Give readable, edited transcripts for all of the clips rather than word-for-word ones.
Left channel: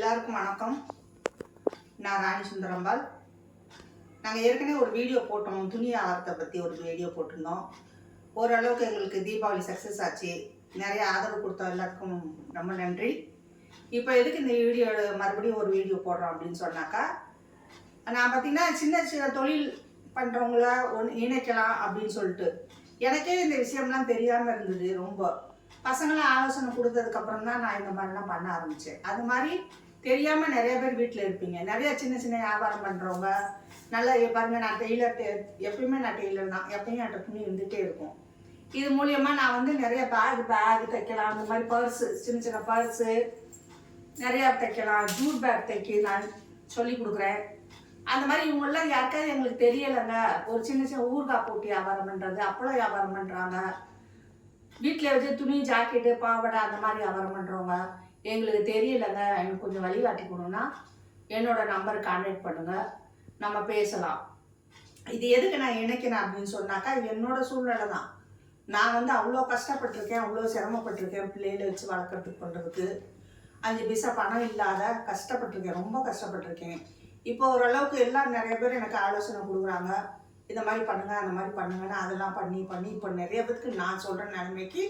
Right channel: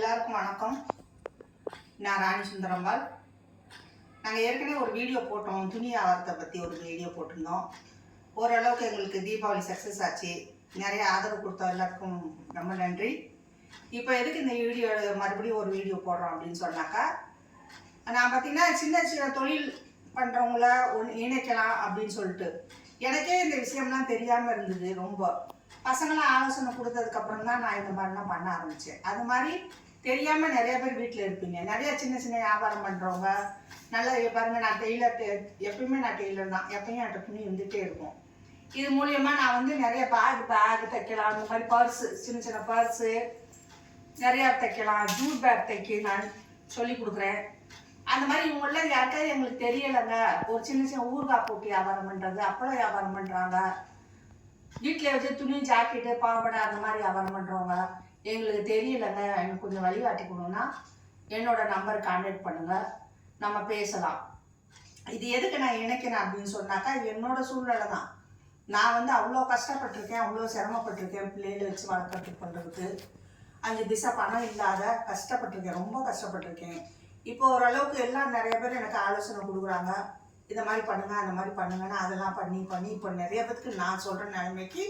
எல்லாருக்கும் வணக்கம். நான் ராணி சுந்தரம்பாள். நாங்கள் ஏற்கனவே ஒரு வீடியோ போட்டோம், துணி வியாபாரத்தை பற்றி ஒரு வீடியோ போட்டிருந்தோம். ஓரளவுக்கு எங்களுக்கு தீபாவளி சக்ஸஸ் ஆச்சு. நிறைய ஆதரவு கொடுத்த எல்லாருக்கும் ரொம்ப நன்றி. இப்போ எதுக்கு இந்த வீடியோ மறுபடியும் ஒரு வீடியோ போடுறோம் அப்படின்னு சொன்னாக்கா, நான் பார்த்தீங்கன்னா சின்ன சின்ன தொழில் பண்ணுறவங்கள இணைக்கலாம் அப்படின்னு சொல்லிட்டு எனக்கே இந்த விஷயம்லாம் தெரியாமல் இருந்தது. ரொம்ப பசங்களாம் ஆலோசனை கொடுத்ததுக்கப்புறம் தான் நான் இந்த மாதிரிலாம் பண்ண ஆரம்பித்தேன். அது மாதிரி தெரியாமல் நிறைய பேர் வீட்டில் இருப்பீங்க. நிறைய சின்ன சின்ன வியாபாரம் பண்ணுறவங்க நல்லா பாருங்கள். நான் டெய்லர், எப்பயுமே நான் டெய்லர் தான், எப்பயும் என்கிட்ட துணி இருந்துகிட்டே இருக்கும். இது மூலியமாக நான் வந்து நிறைய பேக் தைக்கலாம். அந்த மாதிரி பர்ஸு, சின்ன சின்ன பர்ஸு நிறையா தைக்கலாம். ஜூட் பேக் தைக்க நான் சொல்லி கொடுக்குறேன். அந்த மாதிரி இவங்கெல்லாம் யாருக்காவது எங்களுக்கு தெரியலைங்க. ஒரு சின்ன சின்ன ஊறுகாய் போட்டு வியாபாரம் பண்ணுறது, அப்பளம் வியாபாரம் பண்ணுறாங்க, வீட்டில் வச்சு துணி ஜாக்கெட்டு பாவாடை அந்த மாதிரி வியாபாரம் பண்ணுறவங்க எங்களுக்கு தெரியலைங்க, எனக்கு கொஞ்சம் வழிகாட்டி கொடுங்கன்னா என்னோட நம்பர் கான்டாக்ட் பண்ணுங்கள், நம்ம பேசலாம். இது எதுக்கு நான் இணைக்கிறேன் அப்படின்னு சொன்னாக்கா, என்னோட சூழ்நிலை தான். நான் வந்து அவ்வளோ கஷ்டப்பட்டிருக்கேன், அவ்வளோ சிரமப்பட்டிருக்கேன். பிள்ளைகளை வச்சு வளர்க்குறதுக்கு பண்ணுறதுக்கு 5 பைசா பணம் இல்லாத கஷ்டப்பட்டிருக்கேன், ரொம்ப கஷ்டப்பட்டிருக்கேன். இப்போ ஓரளவுக்கு எல்லாம் நிறைய பேர் எனக்கு ஆலோசனை கொடுக்குறாங்க, இந்த மாதிரி பண்ணுங்க அந்த மாதிரி பண்ணுங்கன்னா அதெல்லாம் பண்ணி இப்போ நிறைய பேருக்கு நான் சொல்கிற நிலைமைக்கு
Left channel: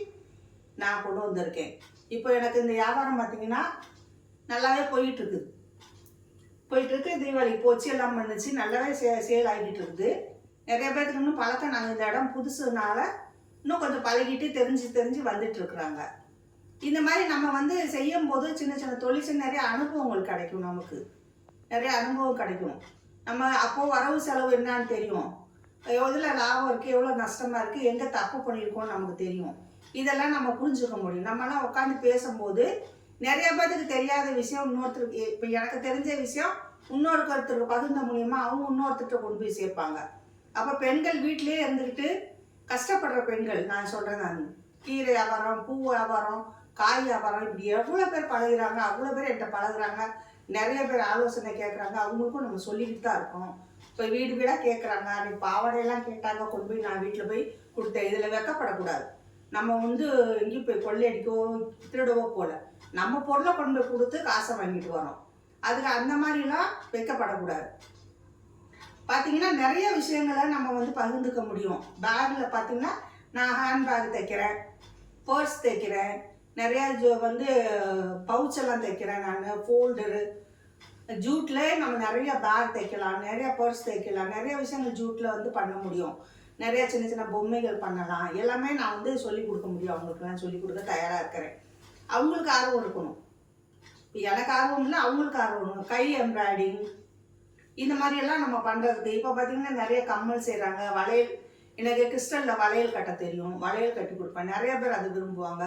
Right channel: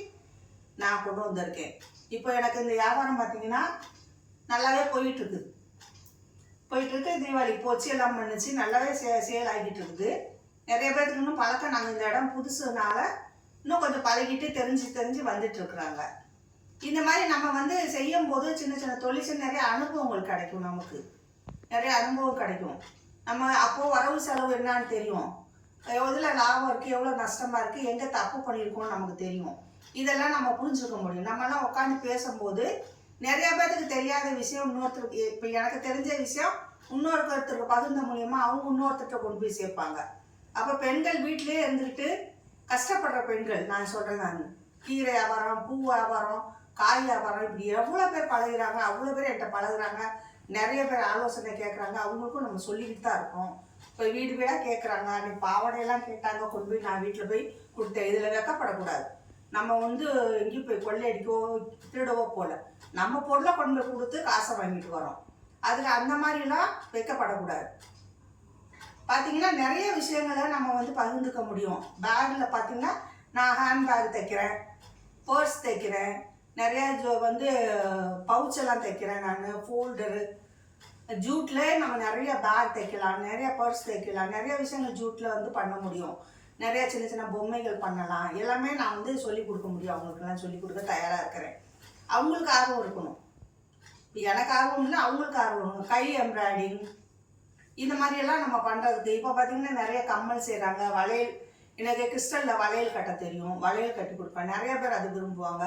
நான் கொண்டு வந்திருக்கேன். இப்போ எனக்கு இந்த வியாபாரம் பார்த்திங்கன்னா நல்லாவே போயிட்டுருக்கு. தீபாவளி போச்சு, எல்லாம் பண்ணிச்சு, நல்லாவே சேல் ஆகிட்டு இருக்குது. நிறைய பேருக்கு இன்னும் பழக்கம். நாங்கள் இந்த இடம் புதுசுனால இன்னும் கொஞ்சம் பழகிட்டு தெரிஞ்சு வந்துட்டுருக்குறாங்க. இந்த மாதிரி நம்ம வந்து செய்யும்போது சின்ன சின்ன தொழில் நிறைய அனுபவங்கள் கிடைக்கும். நமக்கு நிறைய அனுபவம் கிடைக்கும். நம்ம அப்போது வரவு செலவு என்னான்னு தெரியும், எவ்வளோ லாபம் இருக்குது, எவ்வளோ நஷ்டமாக இருக்குது, எங்கே தப்பு பண்ணியிருக்கோன்னு நமக்கு தெரியும். இதெல்லாம் நம்ம புரிஞ்சுக்க முடியும். நம்மலாம் உட்காந்து பேசும்போது நிறைய பேருக்கு தெரியாத விஷயம் இன்னொருத்தருக்கு, இப்போ எனக்கு தெரிஞ்ச விஷயம் இன்னொருத்தருக்கு பகிர்ந்த மூலியமாக அவங்க இன்னொருத்தர்கிட்ட கொண்டு போய் சேர்ப்பாங்க. அப்போ பெண்கள் வீட்டிலே இருந்துக்கிட்டு கஷ்டப்படுற பெண்கள், நான் சொல்கிறேன், நான் கீரை வியாபாரம், பூ வியாபாரம், காய் வியாபாரம், இப்படி எவ்வளோ பேர் பழகுறாங்க, அவ்வளோ பேர் என்கிட்ட பழகுறாங்க. நிறைய பேர் ஆலோசனை கேட்குறாங்க, அவங்களுக்கும் நம்ம சொல்லிக்கிட்டு தான் இருக்கோம். இப்போ வீடு வீடாக கேட்குறாங்க. நீ பாவாடையெல்லாம் கேட்டாங்க, கொண்டு போய் நான் வீட்டில் போய் கொடுத்தேன். இதில் வெக்கப்படக்கூடாது. நம்ம வந்து எங்கேயும் போய் கொள்ளையடிக்கவோ திருடவோ போகல, நம்ம பொருளை கொண்டு போய் கொடுத்து காசை வாங்கிட்டு வரோம். அதுக்கு அந்த மாதிரிலாம் வைக்கப்படக்கூடாது. பார்த்திங்கன்னா நிறைய விஷயங்களை நம்ம வந்து பகிர்ந்துக்க முடியும். பேக்கில் பார்த்திங்கன்னா நான் ஹேண்ட்பேக் தைக்கிறேன், பர்ஸ் தைக்கிறேன், நிறையா வந்து பவுச்செல்லாம் தைக்கிறேன். நான் ஃபோல்டரு, ஜூட்டில் நம்ம நிறைய பேக் தைக்கலாம், நிறைய பர்ஸ் தைக்கலாம், நிறைய விஷயங்கள் ஜூட்டில் வந்து பண்ண முடியும். நிறைய சின்ன சின்ன பொம்மைகள் பண்ணலாம். எல்லாமே நான் வந்து சொல்லிக் கொடுக்க முடியும். அவங்களுக்கெல்லாம் சொல்லிக் கொடுக்க தயாராக இருக்கிறேன். அவங்களுக்கு ஆர்வம் இருக்கணும். இப்போ எனக்கு ஆர்வம் இல்லை, அவங்களுக்கு ஆர்வம் இருக்கணும். கை எம்ப்ராய்டிங் இந்த மாதிரியெல்லாம் நம்ம பண்ணுறதுக்கு. இப்போ பார்த்திங்கன்னா நிறைய கம்மல் செய்கிறாங்க, வளையல். எனக்கு கிறிஸ்டலில் வளையல் கட்ட தெரியும், வளையல் கட்டி கொடுப்பேன். நிறைய பேர் அது விரும்புவாங்க.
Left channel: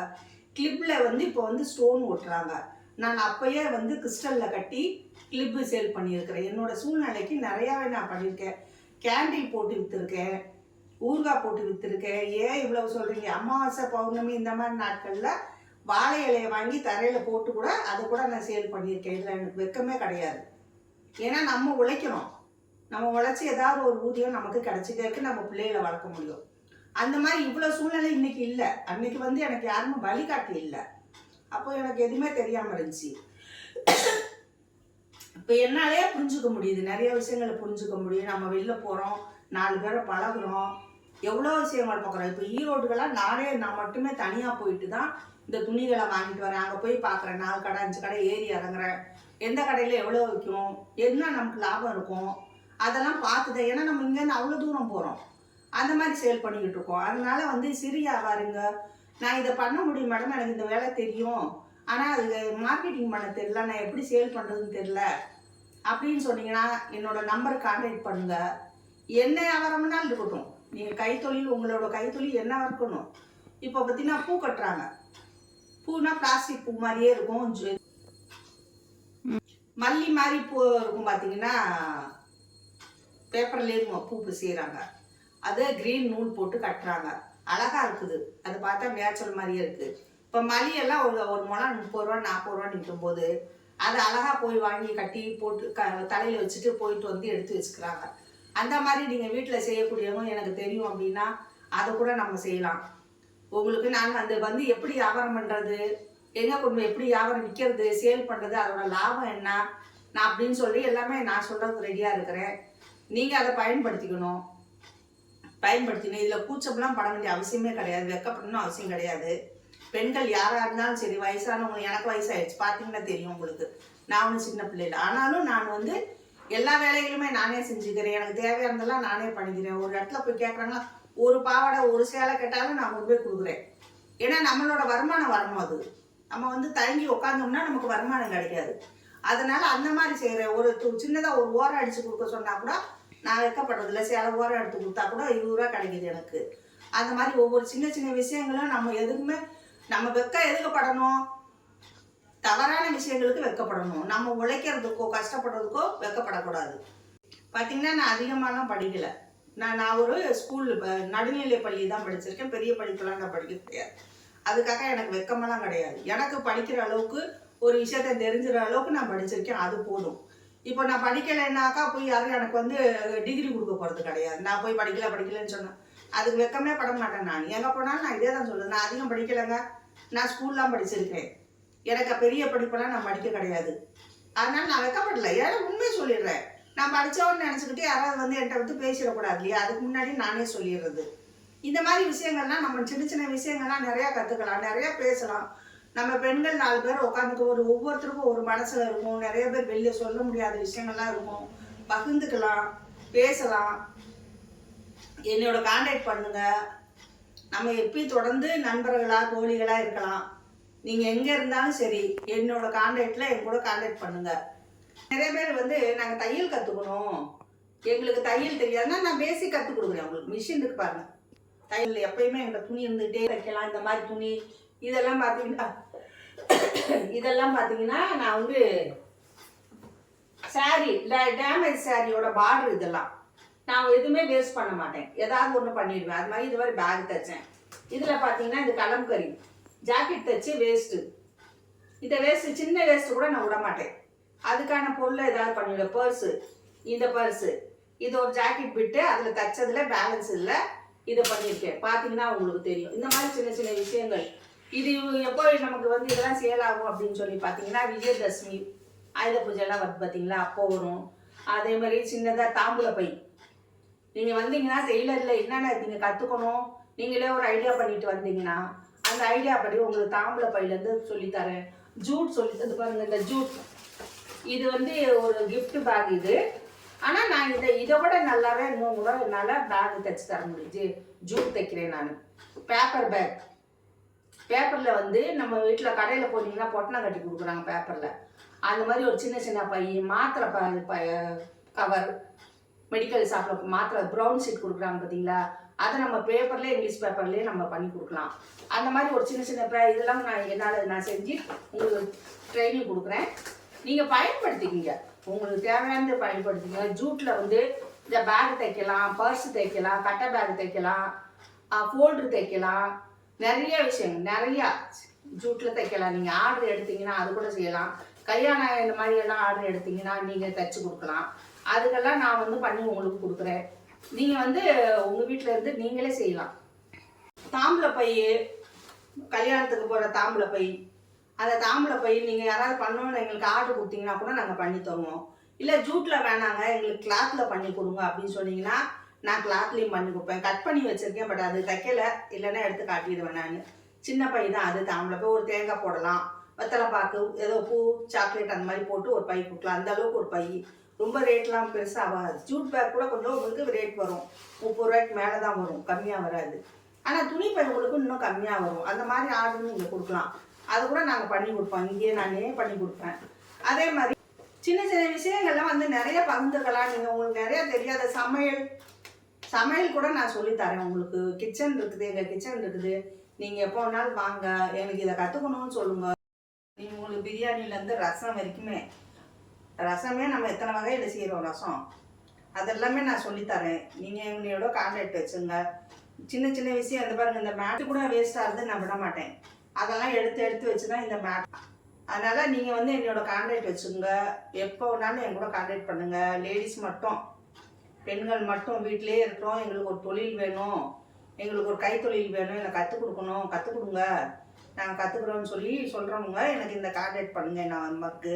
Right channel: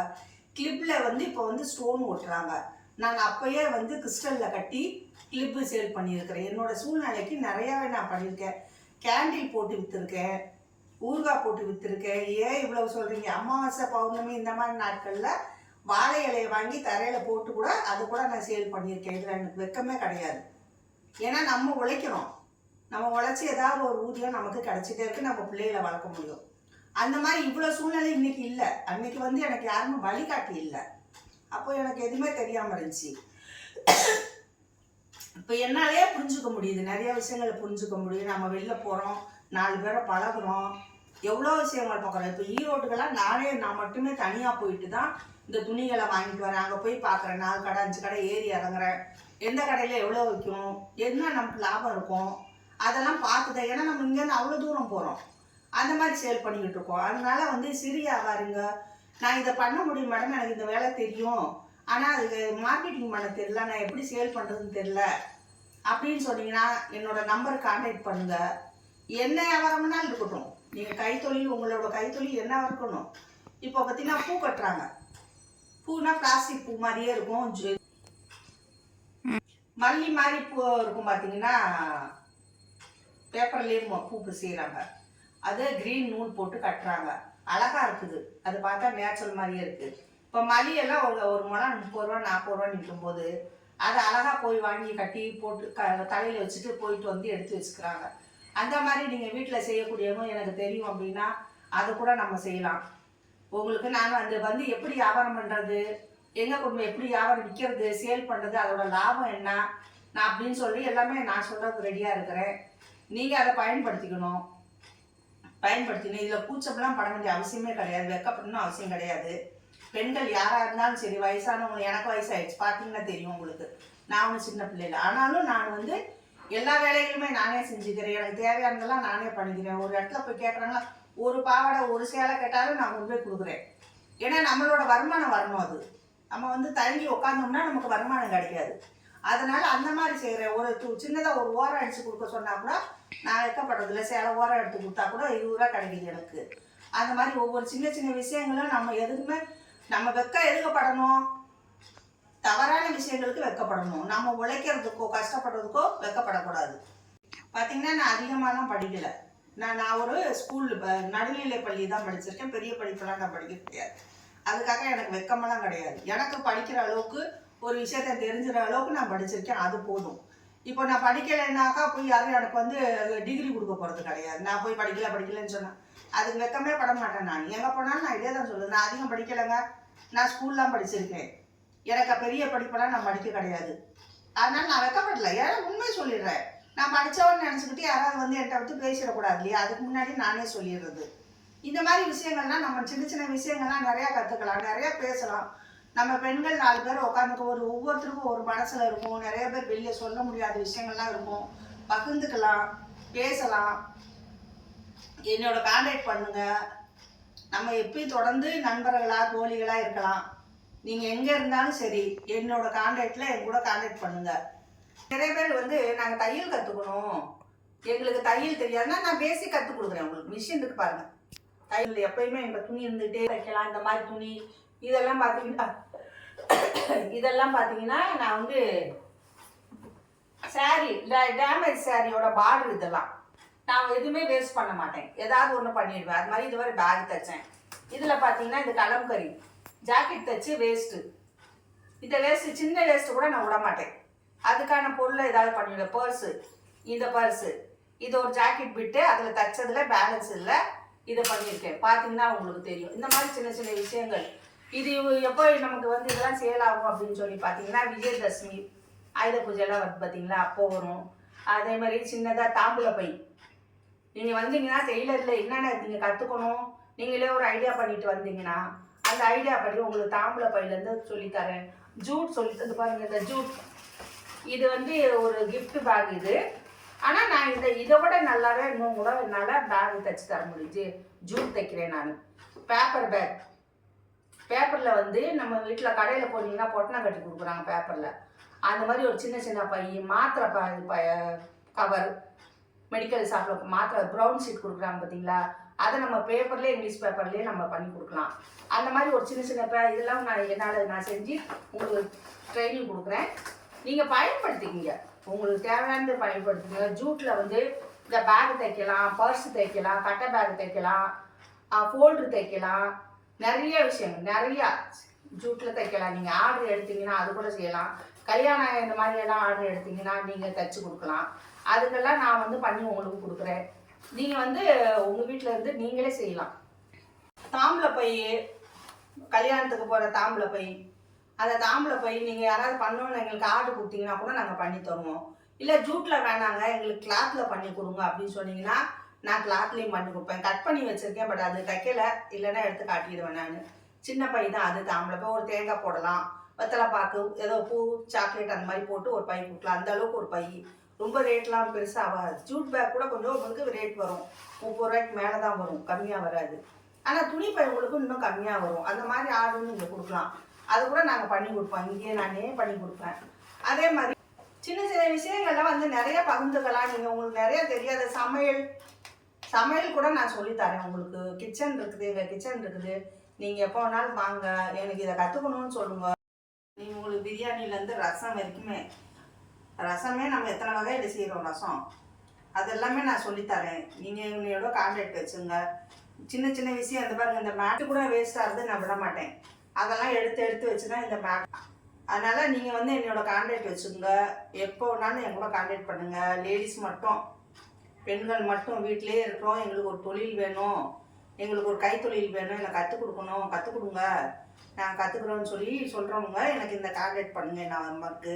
கிளிப்பில் வந்து இப்போ வந்து ஸ்டோன் ஓட்டுறாங்க. நான் அப்போயே வந்து கிறிஸ்டலில் கட்டி கிளிப்பு சேல் பண்ணியிருக்கிறேன். என்னோடய சூழ்நிலைக்கு நிறையாவே நான் பண்ணியிருக்கேன். கேண்டில் போட்டு விற்றுருக்கேன், ஊறுகாய் போட்டு விற்றுருக்கேன். ஏன் இவ்வளோ சொல்கிறீங்க? அமாவாசை, பௌர்ணமி இந்த மாதிரி நாட்களில் வாழை இலையை வாங்கி தரையில் போட்டு கூட அதை கூட நான் சேல் பண்ணியிருக்கேன். இதில் எனக்கு வெக்கமே கிடையாது. ஏன்னா நம்ம உழைக்கணும். நம்ம உழைச்சி ஏதாவது ஒரு ஊதியம் நமக்கு கிடச்சிட்டே இருக்குது, நம்ம பிள்ளைகளை வளர்க்க முடியும். அந்த மாதிரி இவ்வளோ சூழ்நிலை இன்றைக்கி இல்லை. அன்றைக்கி வந்து எனக்கு யாருமே வழிகாட்டி இல்லை. அப்போ எனக்கு எதுவுமே தெரியாமல் இருந்துச்சு. இப்போ என்னாலே புரிஞ்சுக்க முடியுது, நிறைய விஷயங்களை புரிஞ்சுக்க முடியும். நம்ம வெளில போகிறோம், 4 பேரை பழகுறோம், எவ்வளோ விஷயங்கள் பார்க்குறோம். இப்போ ஈரோடுக்கெல்லாம் நான் மட்டுமே தனியாக போயிட்டு தான் இந்த துணிகளை வாங்கிட்டு வரேன். அங்கே போய் பார்க்குறேன், 4 கடை 5 கடை ஏறி இறங்குறேன். எந்த கடையில் எவ்வளோ விற்கும், என்ன நமக்கு லாபம் இருக்கும், அதெல்லாம் பார்த்துதான். ஏன்னா நம்ம இங்கேருந்து அவ்வளோ தூரம் போகிறோம், அந்த மாதிரி சேல் பண்ணிக்கிட்டு இருக்கோம். அதனால வந்து சிறு வியாபாரிங்க, நான் இதை பண்ண முடியும் மேடம், எனக்கு இந்த வேலை தெரியும், ஆனால் அது மார்க்கெட்டிங் பண்ண தெரியல, நான் எப்படி சேல் பண்ணுறதுன்னு தெரில அப்படின்னு சொன்னீங்கன்னா என்னோடய நம்பருக்கு கான்டாக்ட் பண்ணுங்கள். என்ன வியாபாரம்னாலும் இருக்கட்டும், நீங்கள் கைத்தொழில், உங்களோட கைத்தொழில் என்ன இருக்கணும். இப்போ பார்த்தீங்கன்னா பூ கட்டுறாங்க. பூனா பிளாஸ்டிக் பூ மாதிரியே இருக்கும், மல்லி மாதிரி பூ இருக்கும். பார்த்தீங்கன்னா பேப்பர்லேயும் பூ செய்கிறாங்க, அதை க்ரீன் நூல் போட்டு கட்டுறாங்க. அழகாக இருக்குது, அது பார்த்தா நேச்சுரல் மாதிரியே இருக்குது. இப்போ மல்லியெல்லாம் ஒரு முழம் 30 ரூபா 40 ரூபா நிற்கும்போது அதை அழகாக போய் வாங்கி கட்டி போட்டு தலையில் வச்சுட்டு போயிட்டு வந்து எடுத்து வச்சுக்கிறாங்க. அந்த மாதிரி நீங்கள் வீட்டில் செய்யக்கூடியவங்க எனக்கு தெரியும் அப்படின்னா அதை கூட நம்ம செய்யலாம். உங்களுக்கு நான் வந்து எப்படி வியாபாரம் பண்ணுறது, எங்கே கொண்டு போய் எப்படி வியாபாரம் விற்கிறது, சேல் பண்ணுறது, அதோட லாபம் என்ன, நான் அப்படின்னு சொல்லி எல்லாமே நான் சொல்கிறது ரெடியாக இருக்கிறேன். நீங்கள் அதை பயன்படுத்திக்கணும். இதில் கூச்சம்லாம் பட வேண்டிய அவசியமே கிடையாது, வெக்கப்படணும் அவசியம் கிடையாது. பெண்கள் யாராக இருந்தாலும் சரி, வயசானவங்க, எனக்கு வயசாகிடுச்சு பார்த்தீங்கன்னா தெரியும் உங்களுக்கு, நான் ஒன்றும் சின்ன பிள்ளைல. ஆனாலும் நான் வந்து எல்லா வேலைகளுமே நானே செஞ்சுக்கிறேன். எனக்கு தேவையானதெல்லாம் நானே பண்ணிக்கிறேன். ஒரு இடத்துல போய் கேட்குறாங்களா, ஒரு பாவாடை ஒரு சேலை கேட்டாலும் நான் கொண்டு போய் கொடுக்குறேன். ஏன்னா நம்மளோட வருமானம் வரணும். அது நம்ம வந்து தயங்கி உட்காந்தோம்னா நமக்கு வருமானம் கிடைக்காது. அதனால் அந்த மாதிரி செய்கிறேன். ஒரு சின்னதாக ஒரு ஓரம் அடித்து கொடுக்க சொன்னால் கூட நான் வைக்கப்படுறதில்ல. சேலை ஓரம் எடுத்து கொடுத்தா கூட 20 ரூபா கிடைக்குது எனக்கு. அந்த மாதிரி ஒவ்வொரு சின்ன சின்ன விஷயங்களும் நம்ம எதுக்குமே நம்ம எதுக்கப்படணும், தவறான விஷயங்களுக்கு வெக்கப்படணும். நம்ம உழைக்கிறதுக்கோ கஷ்டப்படுறதுக்கோ வெக்கப்படக்கூடாது. பார்த்திங்கன்னா நான் அதிகமாகலாம் படிக்கலை. நான் ஒரு ஸ்கூல் நடுநிலை பள்ளி தான் படிச்சிருக்கேன். பெரிய படிப்பெல்லாம் நான் படிக்க கிடையாது. அதுக்காக எனக்கு வெக்கமெல்லாம் கிடையாது. எனக்கு படிக்கிற அளவுக்கு ஒரு விஷயத்த தெரிஞ்சுற அளவுக்கு நான் படிச்சிருக்கேன், அது போதும். இப்போ நான் படிக்கலைன்னாக்கா போய் யாரும் எனக்கு வந்து டிகிரி கொடுக்க போகிறது கிடையாது. நான் போய் படிக்கலைன்னு சொன்னேன், அதுக்கு வெக்கமே பட மாட்டேன். நான் எங்கே போனாலும் நான் இதே தான் சொல்லுவேன், நான் அதிகம் படிக்கலைங்க, நான் ஸ்கூல்லாம் படிச்சிருக்கேன், எனக்கு பெரிய படிப்பெல்லாம் நான் படிக்க கிடையாது. அதனால் நான் வெக்கப்படலை. ஏன்னா உண்மையை சொல்லிடுறேன். நான் படித்தவன்னு நினச்சிக்கிட்டு யாராவது வந்து என்கிட்ட விட்டு பேசிடக்கூடாது இல்லையா, அதுக்கு முன்னாடி நானே சொல்லிடுறது. இந்த மாதிரி விஷயங்கள்லாம் நம்ம சின்ன சின்ன விஷயங்கள்லாம் நிறையா கற்றுக்கலாம், நிறையா பேசலாம். நம்ம பெண்கள் 4 பேர் உட்காந்துக்க ஒவ்வொருத்தருக்கும் ஒரு மனசில் இருக்கும். நிறைய பேர் வெளியே சொல்ல முடியாத விஷயங்கள்லாம் இருக்கும், பகிர்ந்துக்கலாம், பேசலாம். என்னோட கான்டாக்ட் பண்ணுங்கள். நம்ம எப்பயும் தொடர்ந்து நண்பர்களாக தோழிகளாக இருக்கலாம். நீங்கள் எங்கே இருந்தாலும் சரி என்னோட கான்டாக்டில் என் கூட கான்டாக்ட் பண்ணுங்கள். நிறைய பேர் வந்து நாங்கள் தையல் கற்றுக்கணும், எங்களுக்கு தையல் தெரியாதுன்னா நான் பேசிக் கற்றுக் கொடுக்குறேன். உங்களுக்கு மிஷின் இருக்கு பாருங்கள், தையல் எப்பயுமே எங்கள் துணி இருந்துகிட்டே தைக்கலாம். இந்த மாதிரி துணி இதெல்லாம் பார்த்தீங்கன்னா நான் வந்து சாரீ டேமேஜ் சாரியோட பார்டர் இதெல்லாம் நான் எதுவுமே வேஸ்ட் பண்ண மாட்டேன், ஏதாவது ஒன்று பண்ணிடுவேன். அது மாதிரி இதுவரை பேக் தைச்சேன். இதில் பார்த்தீங்கன்னா இந்த கலம்கரி ஜாக்கெட் தைச்சி வேஸ்ட்டு, இந்த வேஸ்ட்டு சின்ன வேஸ்ட்டு கூட நான் விட மாட்டேன். அதுக்கான பொருளை ஏதாவது பண்ணிவிடுவேன். பர்ஸு, இந்த பர்ஸு, இது ஒரு ஜாக்கெட் விட்டு அதில் தைச்சதில் பேலன்ஸ் இல்லை, இதை பண்ணியிருக்கேன். பார்த்தீங்கன்னா உங்களுக்கு தெரியும். இந்த மாதிரி சின்ன சின்ன விஷயங்கள். இது எப்போ நமக்கு வந்து இதெல்லாம் சேல் ஆகும் அப்படின்னு சொல்லி பார்த்தீங்கன்னா விஜயதசமி, ஆயுத பூஜைலாம் வருது பார்த்தீங்களா, அப்போ வரும். அதே மாதிரி சின்னதாக தாம்பூல பை. நீங்கள் வந்தீங்கன்னா டெய்லரில் என்னென்ன நீங்கள் கற்றுக்கணும், நீங்களே ஒரு ஐடியா பண்ணிட்டு வந்தீங்கன்னா அந்த ஐடியா படி உங்களுக்கு தாம்பூல பையிலேருந்து சொல்லித்தரேன். ஜூட் சொல்லித்தந்து பாருங்கள். இந்த ஜூட் இது வந்து ஒரு கிஃப்ட் பேக் இது. ஆனால் நான் இதை விட நல்லாவே இன்னும் கூட நல்லா பேக் தைச்சி தர முடியுது. ஜூட் தைக்கிறேன் நான். பேப்பர் பேக், பேப்பரில் வந்து நம்ம வீட்டில் கடையில் போனீங்கன்னா பொட்டணம் கட்டி கொடுக்குறாங்க பேப்பரில். அந்த மாதிரி ஒரு சின்ன சின்ன பை, மாத்திரை கவர், மெடிக்கல் ஷாப்பில் மாத்திரை ப்ரௌன் ஷீட் கொடுக்குறாங்க பார்த்தீங்களா, அதை நம்ம பேப்பர்லேயே இங்கிலீஷ் பேப்பர்லேயே நம்ம பண்ணி கொடுக்கலாம். அந்த மாதிரி ஒரு சின்ன சின்ன இதெல்லாம் நான் செஞ்சு உங்களுக்கு ட்ரைனிங் கொடுக்குறேன். நீங்கள் பயன்படுத்திக்கிங்க, உங்களுக்கு தேவையானது பயன்படுத்திக்கங்க. ஜூட்டில் வந்து இந்த பேக் தைக்கலாம், பர்ஸ் தைக்கலாம், கட்டை பேக் தைக்கலாம், ஃபோல்டர் தைக்கலாம், நிறைய விஷயங்கள் நிறையா ஜூட்டில் தைக்கலாம். நீங்கள் ஆர்டர் எடுத்தீங்கன்னா அது கூட செய்யலாம். கல்யாணம் இந்த மாதிரியெல்லாம் ஆர்டர் எடுத்தீங்கன்னா நீங்கள் தைச்சி கொடுக்கலாம். அதுக்கெல்லாம் நான் வந்து பண்ணி உங்களுக்கு கொடுக்குறேன். நீங்கள் வந்து உங்கள் வீட்டில் இருந்து நீங்களே செய்யலாம். தாம்பூல பை, கல்யாணத்துக்கு போகிற தாம்பூல பை, அந்த தாம்பூல பை நீங்கள் யாராவது பண்ணணும்னு எங்களுக்கு ஆர்டர் கொடுத்தீங்கன்னா கூட நாங்கள் பண்ணி தருவோம். இல்லை ஜூட்டில் வேணாங்க எங்களுக்கு கிளாத்தில் பண்ணி கொடுங்க அப்படின்னு சொன்னீங்கன்னா நான் கிளாத்லேயும் பண்ணி கொடுப்பேன். கட் பண்ணி வச்சுருக்கேன், பட் அது தைக்கலை, இல்லைன்னா எடுத்து காட்டிடுவேன் நான். சின்ன பை தான் அது, தாம்பூல பை. ஒரு தேங்காய் போடலாம், வெத்தலை பாக்கு, ஏதோ பூ, சாக்லேட் அந்த மாதிரி போட்டு ஒரு பை கொடுக்கலாம். அந்த அளவுக்கு ஒரு பை. ரொம்ப ரேட்லாம் பெருசாக ஆகாது. ஜூட் பேக் கூட கொஞ்சம் உங்களுக்கு ரேட் வரும், 30 ரூபாய்க்கு மேலே தான் வரும், கம்மியாக வராது. ஆனால் துணி பை உங்களுக்கு இன்னும் கம்மியாக வரும். அந்த மாதிரி ஆர்டர் நீங்கள் கொடுக்கலாம், அது கூட நாங்கள் பண்ணி கொடுப்போம். இங்கேயே நானே பண்ணி கொடுப்பேன். அதே மாதிரி சின்ன சின்ன விஷயங்கள்லாம் வந்து நிறைய பகிர்ந்துக்கலாம். நீங்கள் உங்களுக்கு நிறைய தெரியாத சமையல் கூட நான் சொல்லித்தரேன் உங்களுக்கு. கிச்சன் இருக்குது, எங்கள் கிச்சன் இருக்குது. நீங்கள் எப்போ வேணாலும் வாங்க, எனக்கு இதை கற்றுக்கணும்னு சொல்லுங்கள். நீங்கள் உங்களுக்கு பிரியாணிலேருந்து ரசம் வரைக்குமே, ரசமே நம்ம எத்தனை வகையில் செய்கிறோம் ரசம், அதெல்லாமே நான் சொல்லித்தரேன். நீங்கள் என்னையோட கான்டாக்ட் வச்சுங்க. சின்ன சின்ன விஷயம் இந்த பாருங்கள், இந்த மேட்டு கூட வேஸ்ட் ஆகுது நான் விட மாட்டேன். அதெல்லாம் எடுத்து வச்சு தான் இந்த மேட். அதனால் நீங்கள் வந்து என்னோட கான்டாக்ட் வச்சுங்க. எப்போ வேணாலும் என் கூட கான்டாக்ட் பண்ணுங்கள். லேடிஸ் மட்டும், பெண்கள் மட்டும் வீட்டிலே இருக்கிறோம், எங்களுக்கு ஒரு தொழில் வேணும், எங்களுக்கு ஒரு கைத்தொழில் வேணும், எனக்கு கற்றுக் கொடுக்கணும், கற்றுக் கொடுங்க. நாங்கள் கற்றுக்குறோன்னு சொல்லி சொல்கிறவங்க எனக்கு இந்த கான்டாக்ட் பண்ணுங்கள் என் நம்பருக்கு.